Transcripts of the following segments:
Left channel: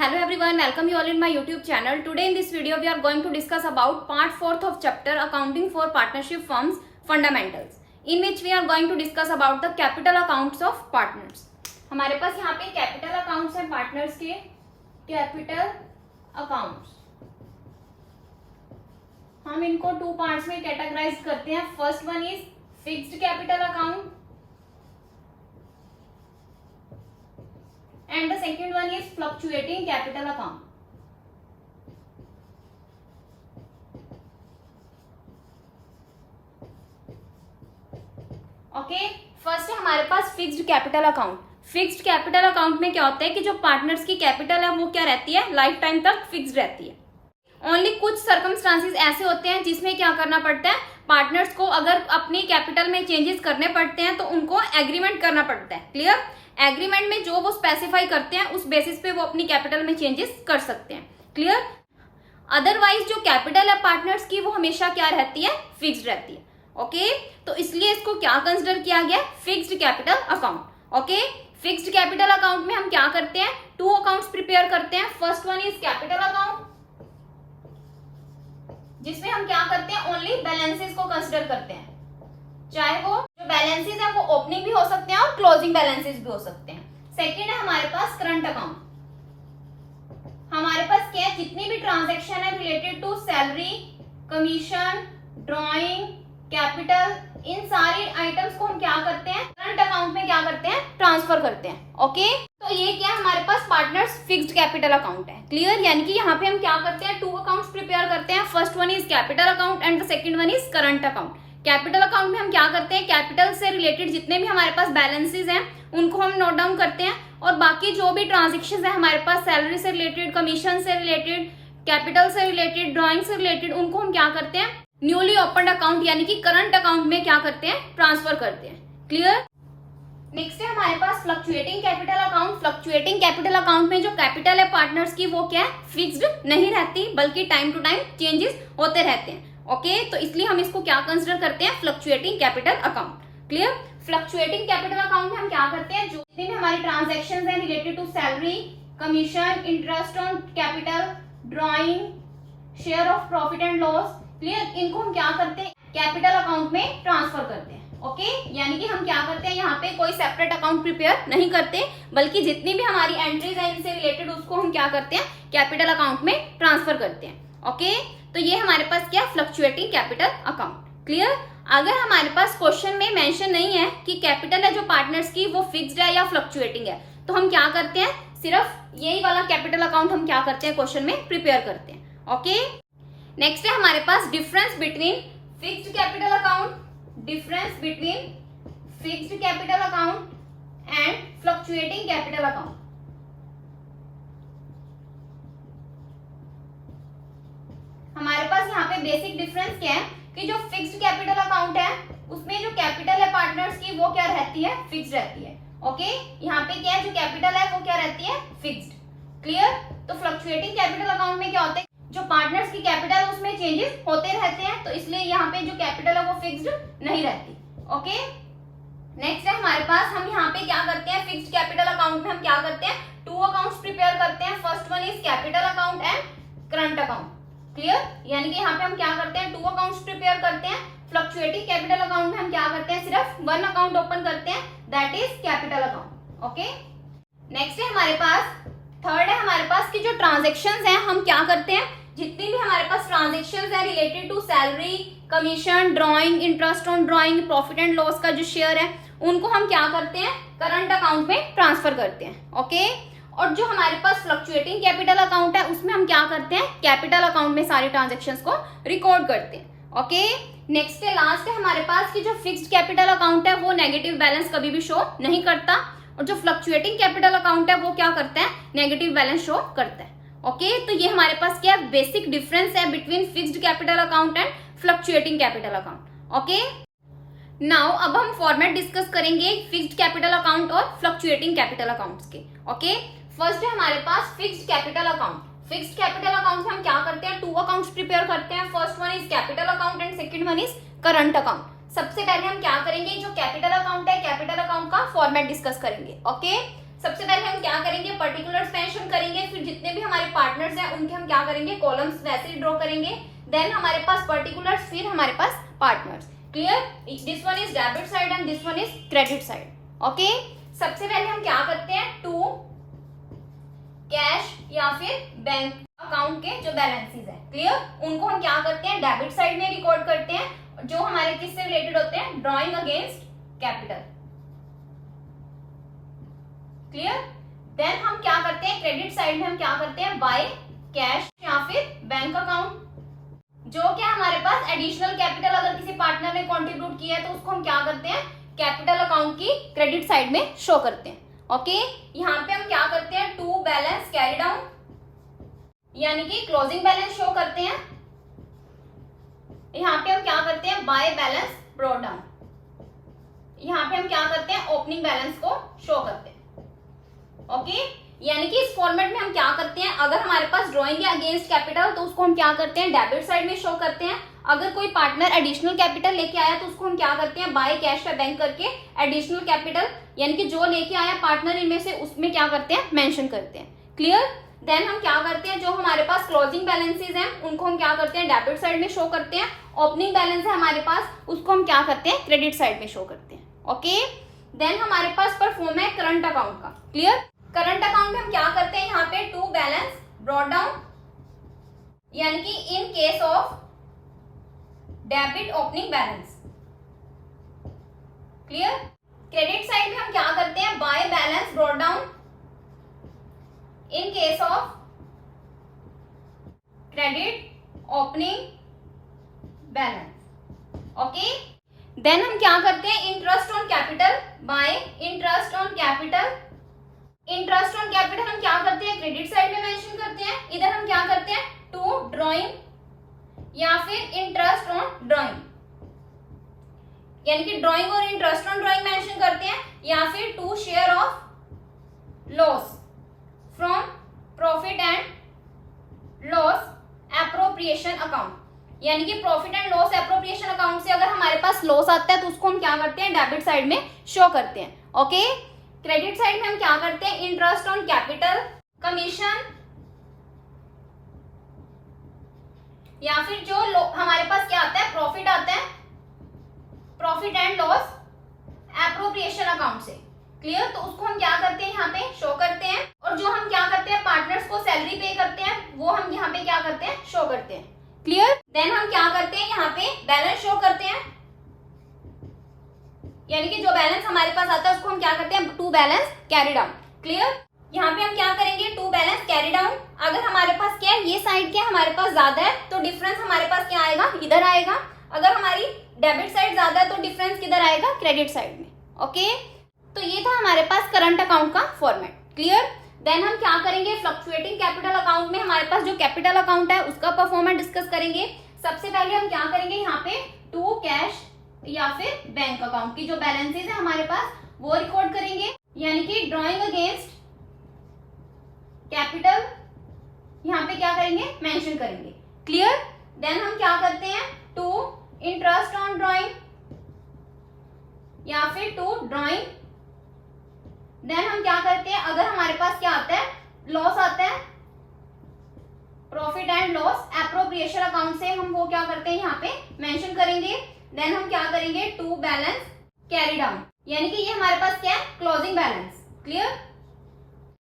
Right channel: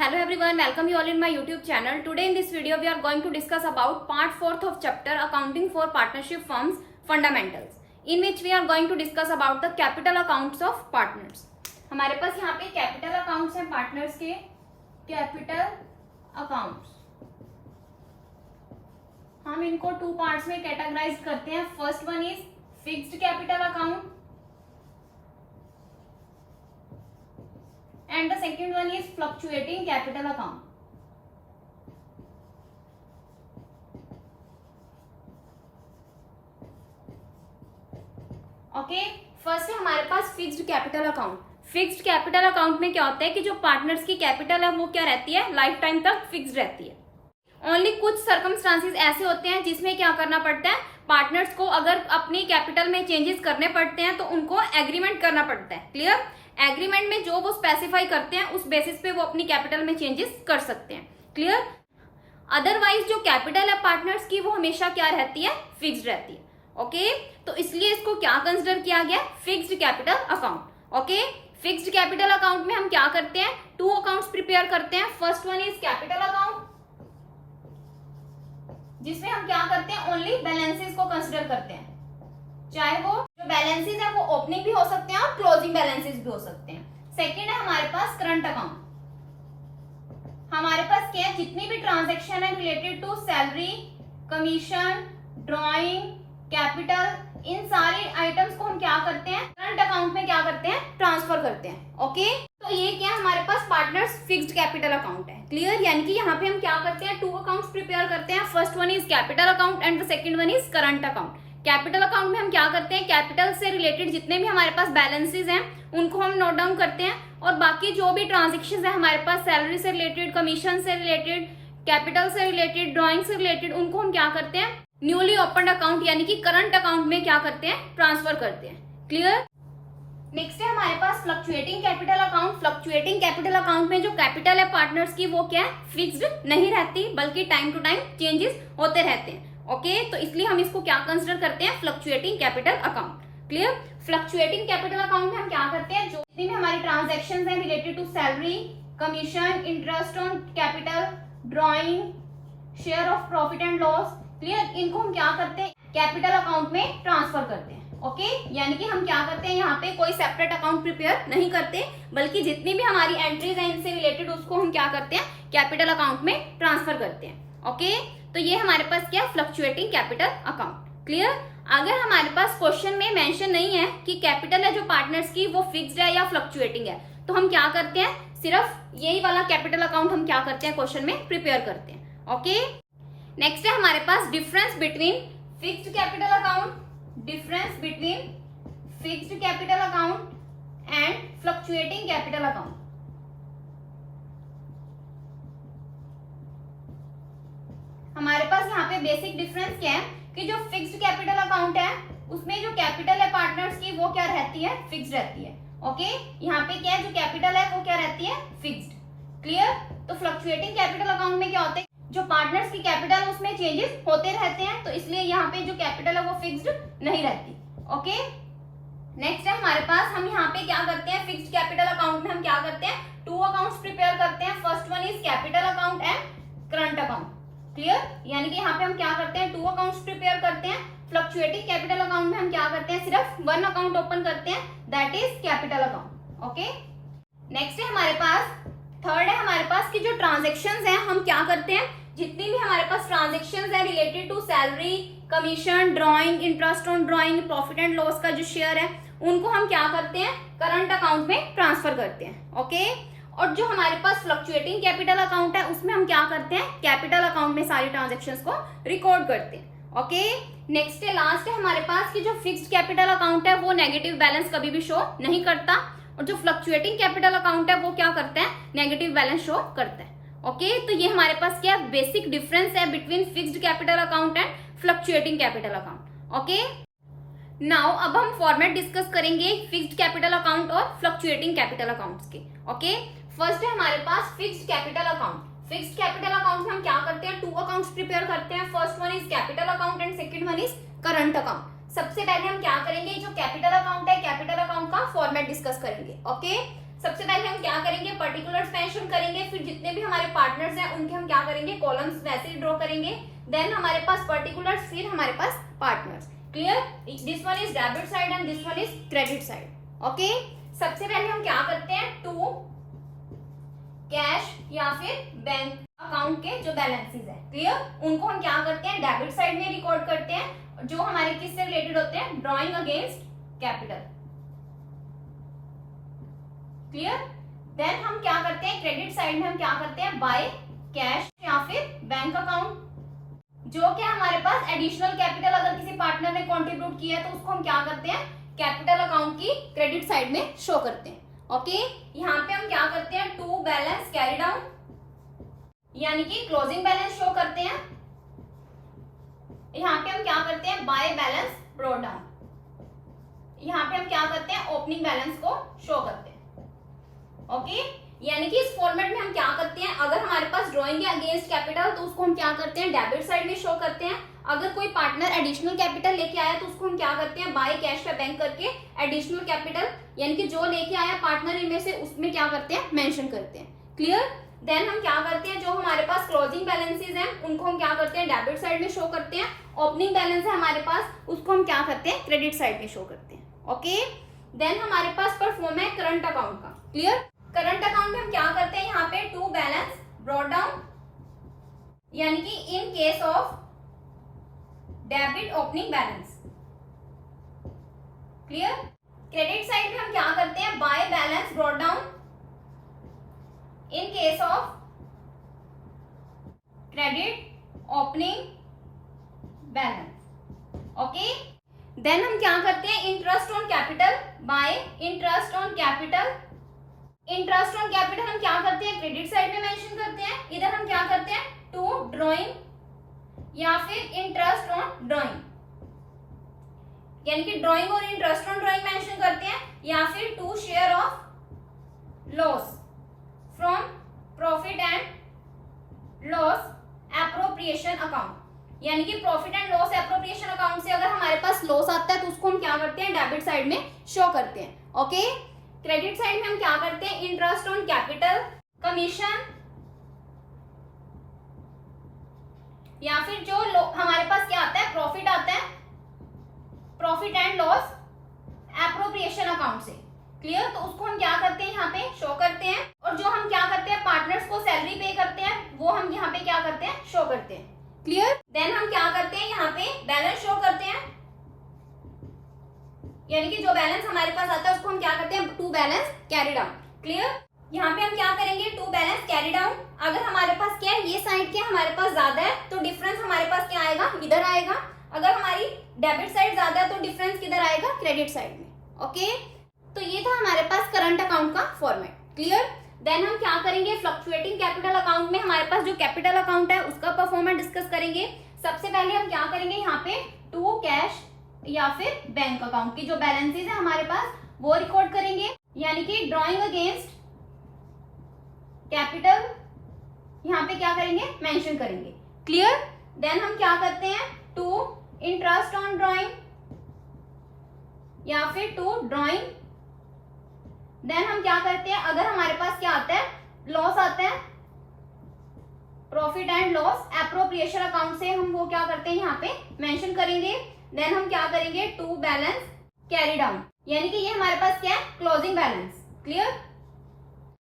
Hello everyone, welcome you all in my YouTube channel. Today in this video we are going to discuss about part 4th of chapter Accounting for Partnership Firms Fundamentals, in which we are going to discuss about the capital accounts of partners. हमारे पास यहाँ पे capital accounts हैं partners के, capital accounts हम इनको two parts में categorise करते हैं. First one is fixed capital account and the second one is fluctuating capital account. Okay, first है हमारे पास fixed capital account. Fixed capital account में क्या होता है कि जो पार्टनर्स की कैपिटल है वो क्या रहती है, लाइफ टाइम तक फिक्स्ड रहती है. ओनली कुछ सर्कमस्टांसेस ऐसे होते हैं जिसमें क्या करना पड़ता है, पार्टनर्स को अगर अपनी कैपिटल में चेंजेस करने पड़ते हैं तो उनको एग्रीमेंट करना पड़ता है. क्लियर? एग्रीमेंट में जो वो स्पेसिफाई करते हैं उस बेसिस पे वो अपनी कैपिटल में चेंजेस कर सकते हैं. क्लियर? अदरवाइज जो कैपिटल है पार्टनर्स की वो हमेशा क्या रहती है, फिक्स्ड रहती है. ओके, तो इसलिए इसको क्या कंसिडर किया गया, fixed capital account. Okay, fixed capital account में हम क्या करते हैं, टू अकाउंट्स प्रिपेयर करते हैं. First one is capital account, जिसमें हम क्या करते हैं, ओनली बैलेंसेस को कंसिडर करते हैं. चाहे वो जो बैलेंसेस है वो ओपनिंग भी हो सकते हैं और क्लोजिंग बैलेंसेस भी हो सकते हैं. सेकंड है हमारे पास करंट अकाउंट. हमारे पास क्या है, जितनी भी ट्रांजैक्शन है related to salary, commission, drawing, capital, इन सारी आइटम्स को हम क्या करते हैं, करंट अकाउंट में क्या करते हैं, ट्रांसफर करते हैं. ओके, तो ये क्या है हमारे पास पार्टनर्स फिक्स्ड कैपिटल अकाउंट है. क्लियर? यानी कि यहाँ पे हम क्या करते हैं, टू अकाउंट्स प्रिपेयर करते हैं. First one is capital account and the second one is current account. Capital account में हम क्या करते हैं, कैपिटल से रिलेटेड जितने भी हमारे पास बैलेंसेस हैं उनको हम नोट डाउन करते हैं, और बाकी जो भी ट्रांजेक्शन है हमारे पास सैलरी से रिलेटेड, कमीशन से रिलेटेड, कैपिटल से रिलेटेड, ड्राइंग से रिलेटेड, उनको हम क्या करते हैं, न्यूली ओपन अकाउंट यानी कि करंट अकाउंट में क्या करते हैं, ट्रांसफर करते हैं. क्लियर? नेक्स्ट है हमारे पास fluctuating capital account. Fluctuating capital account में जो कैपिटल है पार्टनर्स की वो क्या है, फिक्स्ड नहीं रहती, बल्कि टाइम टू टाइम चेंजेस होते रहते हैं. ओके, तो इसलिए हम इसको क्या कंसिडर करते हैं, fluctuating capital account. Clear? Fluctuating capital account में हम क्या करते हैं, जो जितनी भी हमारी ट्रांजैक्शंस हैं related to salary, commission, interest on capital, drawing, share of profit and loss, clear, इनको हम क्या करते हैं, कैपिटल अकाउंट में ट्रांसफर करते हैं. ओके, यानी कि हम क्या करते हैं, यहाँ पे कोई सेपरेट अकाउंट प्रिपेयर नहीं करते, बल्कि जितनी भी हमारी एंट्रीज हैं इनसे रिलेटेड उसको हम क्या करते हैं, कैपिटल अकाउंट में ट्रांसफर करते हैं. ओके, तो ये हमारे पास क्या, फ्लक्चुएटिंग कैपिटल अकाउंट. क्लियर? अगर हमारे पास क्वेश्चन में मेंशन नहीं है कि कैपिटल है जो पार्टनर्स की वो फिक्स्ड है या फ्लक्चुएटिंग है, तो हम क्या करते हैं, सिर्फ यही वाला कैपिटल अकाउंट हम क्या करते हैं, क्वेश्चन में प्रिपेयर करते हैं. ओके, नेक्स्ट है हमारे पास difference between fixed capital account, difference between fixed capital account and fluctuating capital account. हमारे पास यहाँ पे बेसिक डिफरेंस क्या है कि जो फिक्स्ड कैपिटल अकाउंट है उसमें जो कैपिटल है पार्टनर्स की वो क्या रहती है, फिक्स्ड रहती है. ओके, यहाँ पे क्या है, जो कैपिटल है वो क्या रहती है, फिक्स्ड. क्लियर? तो फ्लक्चुएटिंग कैपिटल अकाउंट में क्या होता है, जो पार्टनर्स की कैपिटल उसमें चेंजेस होते रहते हैं, तो इसलिए यहाँ पे जो कैपिटल है वो फिक्स्ड नहीं रहती. ओके, नेक्स्ट है हमारे पास, हम यहाँ पे क्या करते हैं, फिक्स्ड कैपिटल अकाउंट में हम क्या करते हैं, टू अकाउंट्स प्रिपेयर करते हैं. First one is capital account and current account. Clear? यानी कि यहाँ पे हम क्या करते हैं, टू अकाउंट्स प्रिपेयर करते हैं. फ्लक्चुएटिंग कैपिटल अकाउंट में हम क्या करते हैं, सिर्फ वन अकाउंट ओपन करते हैं, that is capital account. Okay, next है हमारे पास, थर्ड है हमारे पास कि जो ट्रांजेक्शन्स हैं हम क्या करते हैं, जितनी भी हमारे पास ट्रांजेक्शन्स है related to salary, commission, drawing, interest on drawing, profit and loss का जो शेयर है उनको हम क्या करते हैं, करंट अकाउंट में ट्रांसफर करते हैं. ओके, और जो हमारे पास फ्लक्चुएटिंग कैपिटल अकाउंट है उसमें हम क्या करते हैं, कैपिटल अकाउंट में सारी ट्रांजैक्शंस को रिकॉर्ड करते हैं. ओके, नेक्स्ट है, लास्ट है हमारे पास कि जो फिक्स्ड कैपिटल अकाउंट है वो नेगेटिव बैलेंस कभी भी शो नहीं करता, और जो फ्लक्चुएटिंग कैपिटल अकाउंट है वो क्या करता है, नेगेटिव बैलेंस शो करता है. ओके, तो ये हमारे पास क्या बेसिक डिफरेंस है between fixed capital account and fluctuating capital account. Okay, now अब हम फॉर्मेट डिस्कस करेंगे फिक्स्ड कैपिटल अकाउंट और फ्लक्चुएटिंग कैपिटल अकाउंट्स के. ओके, फर्स्ट है हमारे पास fixed capital account. Fixed capital account में हम क्या करते हैं, टू अकाउंट्स प्रिपेयर करते हैं. First one is capital account and second one is current account. सबसे पहले हम क्या करेंगे, जो कैपिटल अकाउंट है कैपिटल अकाउंट का फॉर्मेट डिस्कस करेंगे. ओके, सबसे पहले हम क्या करेंगे, पर्टिकुलर्स मेंशन करेंगे, फिर जितने भी हमारे पार्टनर्स हैं उनके हम क्या करेंगे, कॉलम्स वैसे ही ड्रॉ करेंगे, देन हमारे पास पर्टिकुलर्स, फिर हमारे पास partners. Clear? This one is debit side and this one is credit side. Okay, सबसे पहले हम क्या करते हैं, टू कैश या फिर बैंक अकाउंट के जो बैलेंसेस हैं, क्लियर, उनको हम क्या करते हैं, डेबिट साइड में रिकॉर्ड करते हैं, जो हमारे किससे रिलेटेड होते हैं, drawing against capital. Clear? Then हम क्या करते हैं, क्रेडिट साइड में हम क्या करते हैं, बाय कैश या फिर बैंक अकाउंट, जो क्या हमारे पास एडिशनल कैपिटल अगर किसी पार्टनर ने कंट्रीब्यूट किया है तो उसको हम क्या करते हैं, कैपिटल अकाउंट की क्रेडिट साइड में शो करते हैं। ओके, यहाँ पे हम क्या करते हैं, टू बैलेंस कैरी डाउन, यानी कि क्लोजिंग बैलेंस शो करते हैं। यहाँ पे हम क्या करते हैं, बाय बैलेंस ब्रॉट डाउन, यहाँ पे हम क्या करते हैं, ओपनिंग बैलेंस को शो करते हैं। ओके, यानी कि इस फॉर्मेट में हम क्या करते हैं, अगर हमारे पास ड्रॉइंग है अगेंस्ट कैपिटल तो उसको हम क्या करते हैं, डेबिट साइड में शो करते हैं। अगर कोई पार्टनर एडिशनल कैपिटल लेके आया तो उसको हम क्या करते हैं, बाय कैश या बैंक करके एडिशनल कैपिटल, यानी कि जो लेके आया पार्टनर इनमें से, उसमें क्या करते हैं, मेंशन करते हैं। क्लियर? देन हम क्या करते हैं, जो हमारे पास क्लोजिंग बैलेंसेस हैं उनको हम क्या करते हैं, डेबिट साइड में शो करते हैं। ओपनिंग बैलेंस है हमारे पास, उसको हम क्या करते हैं, क्रेडिट साइड में शो करते हैं। ओके, देन हमारे पास परफॉर्म है करंट अकाउंट का। क्लियर? करंट अकाउंट में हम क्या करते हैं, यहाँ पे टू बैलेंस ब्रॉट डाउन, यानी कि in case of debit opening balance. Clear? Credit side में हम क्या करते हैं, by balance brought down in case of credit opening balance. Okay, then हम क्या करते हैं, interest on capital, by interest on capital. Interest on capital हम क्या करते हैं, क्रेडिट साइड में मेंशन करते हैं। इधर हम क्या करते हैं, टू ड्रॉइंग या फिर इंटरेस्ट ऑन ड्रॉइंग, यानी कि ड्रॉइंग और इंटरेस्ट ऑन ड्रॉइंग मेंशन करते हैं, या फिर to share of loss from profit and loss appropriation account, यानी कि profit and loss appropriation account से अगर हमारे पास लॉस आता है तो उसको हम क्या करते हैं, डेबिट साइड में शो करते हैं। ओके, क्रेडिट साइड में हम क्या करते हैं, इंटरेस्ट ऑन कैपिटल, कमीशन, या फिर जो हमारे पास क्या आता है, प्रॉफिट आता है, profit and loss appropriation account से। क्लियर? तो उसको हम क्या करते हैं, यहाँ पे शो करते हैं, और जो हम क्या करते हैं, पार्टनर्स को सैलरी पे करते हैं, वो हम यहाँ पे क्या करते हैं, शो करते हैं। क्लियर? देन हम क्या करते हैं, यहाँ पे बैलेंस शो करते हैं, यानी कि जो बैलेंस हमारे पास आता है उसको हम क्या करते हैं, to balance carry down. Clear? यहाँ पे हम क्या करेंगे, टू बैलेंस कैरी डाउन। अगर हमारे पास क्या है, ये साइड क्या हमारे पास ज्यादा है तो डिफरेंस हमारे पास क्या आएगा, इधर आएगा। अगर हमारी डेबिट साइड ज्यादा है तो डिफरेंस किधर आएगा, क्रेडिट साइड में। ओके, तो ये था हमारे पास करंट अकाउंट का फॉर्मेट। क्लियर? देन हम क्या करेंगे, फ्लक्चुएटिंग कैपिटल अकाउंट में हमारे पास जो कैपिटल अकाउंट है उसका परफॉर्मेंस डिस्कस करेंगे। सबसे पहले हम क्या करेंगे, यहाँ पे टू कैश या फिर बैंक अकाउंट की जो बैलेंसेस है हमारे पास वो रिकॉर्ड करेंगे, यानी कि ड्रॉइंग अगेंस्ट कैपिटल यहाँ पे क्या करेंगे, मेंशन करेंगे। क्लियर? देन हम क्या करते हैं, टू इंटरेस्ट ऑन ड्रॉइंग या फिर टू ड्रॉइंग। देन हम क्या करते हैं, अगर हमारे पास क्या आता है, लॉस आता है, profit and loss appropriation account से हम वो क्या करते हैं, यहाँ पे मेंशन करेंगे। देन हम क्या करेंगे, टू बैलेंस कैरी डाउन, यानी कि ये हमारे पास क्या है, क्लोजिंग बैलेंस। क्लियर?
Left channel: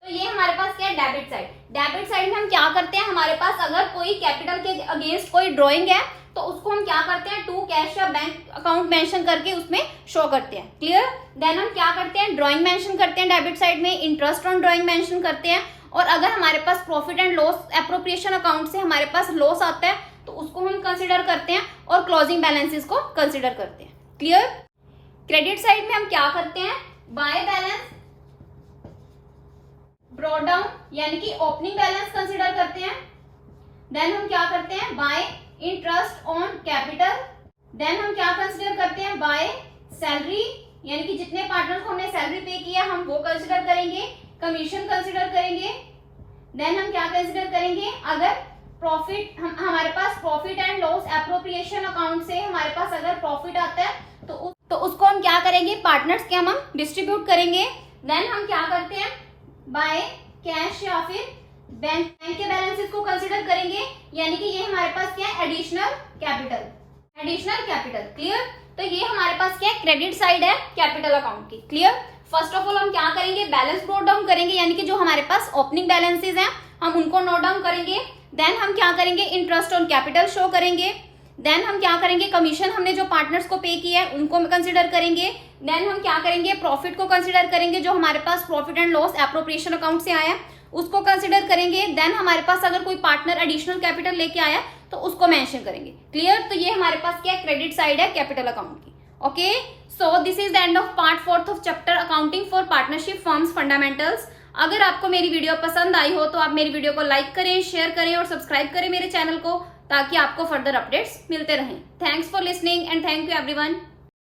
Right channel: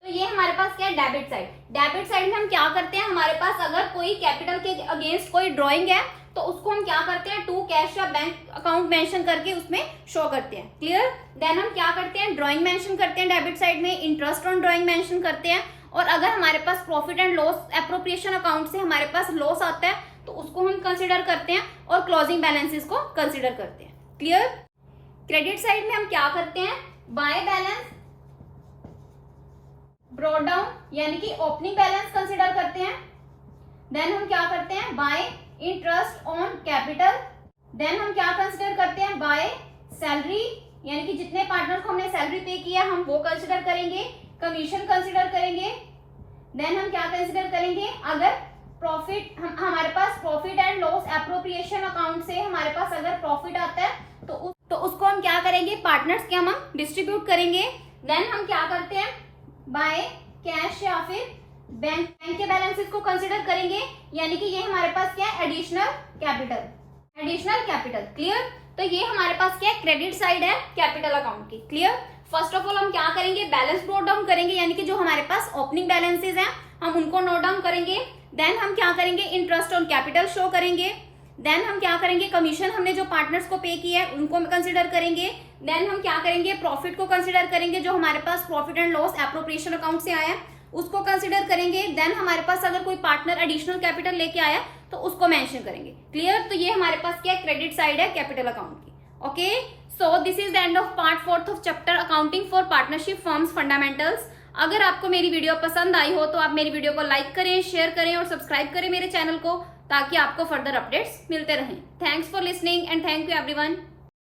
तो ये हमारे पास क्या है, डेबिट साइड। डेबिट साइड में हम क्या करते हैं, हमारे पास अगर कोई कैपिटल के अगेंस्ट कोई ड्रॉइंग है तो उसको हम क्या करते हैं, टू कैश या बैंक अकाउंट मेंशन करके उसमें शो करते हैं। क्लियर? देन हम क्या करते हैं, ड्रॉइंग मेंशन करते हैं डेबिट साइड में, इंटरेस्ट ऑन ड्रॉइंग मेंशन करते हैं, और अगर हमारे पास profit and loss appropriation account से हमारे पास लॉस आता है तो उसको हम कंसिडर करते हैं, और क्लोजिंग बैलेंसेस को कंसिडर करते हैं। क्लियर? क्रेडिट साइड में हम क्या करते हैं, बाय बैलेंस ब्रॉट डाउन, यानी कि ओपनिंग बैलेंस कंसिडर करते हैं। देन हम क्या करते हैं, by interest on capital. Then हम क्या कंसिडर करते हैं, बाय सैलरी, यानी कि जितने पार्टनर को हमने सैलरी पे किया हम वो कंसिडर करेंगे। कमीशन कंसिडर करेंगे। देन हम क्या कंसिडर करेंगे, अगर प्रॉफिट हमारे पास profit and loss appropriation account से हमारे पास अगर प्रॉफिट आता है तो उसको हम क्या करेंगे, पार्टनर्स के हम डिस्ट्रीब्यूट करेंगे। देन हम क्या करते हैं, बाय कैश या फिर बैंक के बैलेंसेस को कंसिडर करेंगे, यानी कि ये हमारे पास क्या है, एडिशनल कैपिटल। क्लियर? तो ये हमारे पास क्या है, क्रेडिट साइड है कैपिटल अकाउंट की। क्लियर? फर्स्ट ऑफ ऑल हम क्या करेंगे, बैलेंस नोट डाउन करेंगे, यानी कि जो हमारे पास ओपनिंग बैलेंसेस हैं हम उनको नोट डाउन करेंगे। देन हम क्या करेंगे, इंटरेस्ट ऑन कैपिटल शो करेंगे। देन हम क्या करेंगे, कमीशन हमने जो पार्टनर्स को पे किया है उनको कंसिडर करेंगे। देन हम क्या करेंगे, प्रॉफिट को कंसिडर करेंगे, जो हमारे पास profit and loss appropriation account से आया है उसको कंसिडर करेंगे। देन हमारे पास अगर कोई पार्टनर एडिशनल कैपिटल लेके आया तो उसको मेंशन करेंगे। क्लियर? तो ये हमारे पास क्या क्रेडिट साइड है कैपिटल अकाउंट की। Okay, so this is the end of part 4 of chapter accounting for partnership firms fundamentals. अगर आपको मेरी वीडियो पसंद आई हो तो आप मेरी वीडियो को लाइक करें, शेयर करें और सब्सक्राइब करें मेरे चैनल को, ताकि आपको फर्दर अपडेट्स मिलते रहें। Thanks for listening and thank you everyone.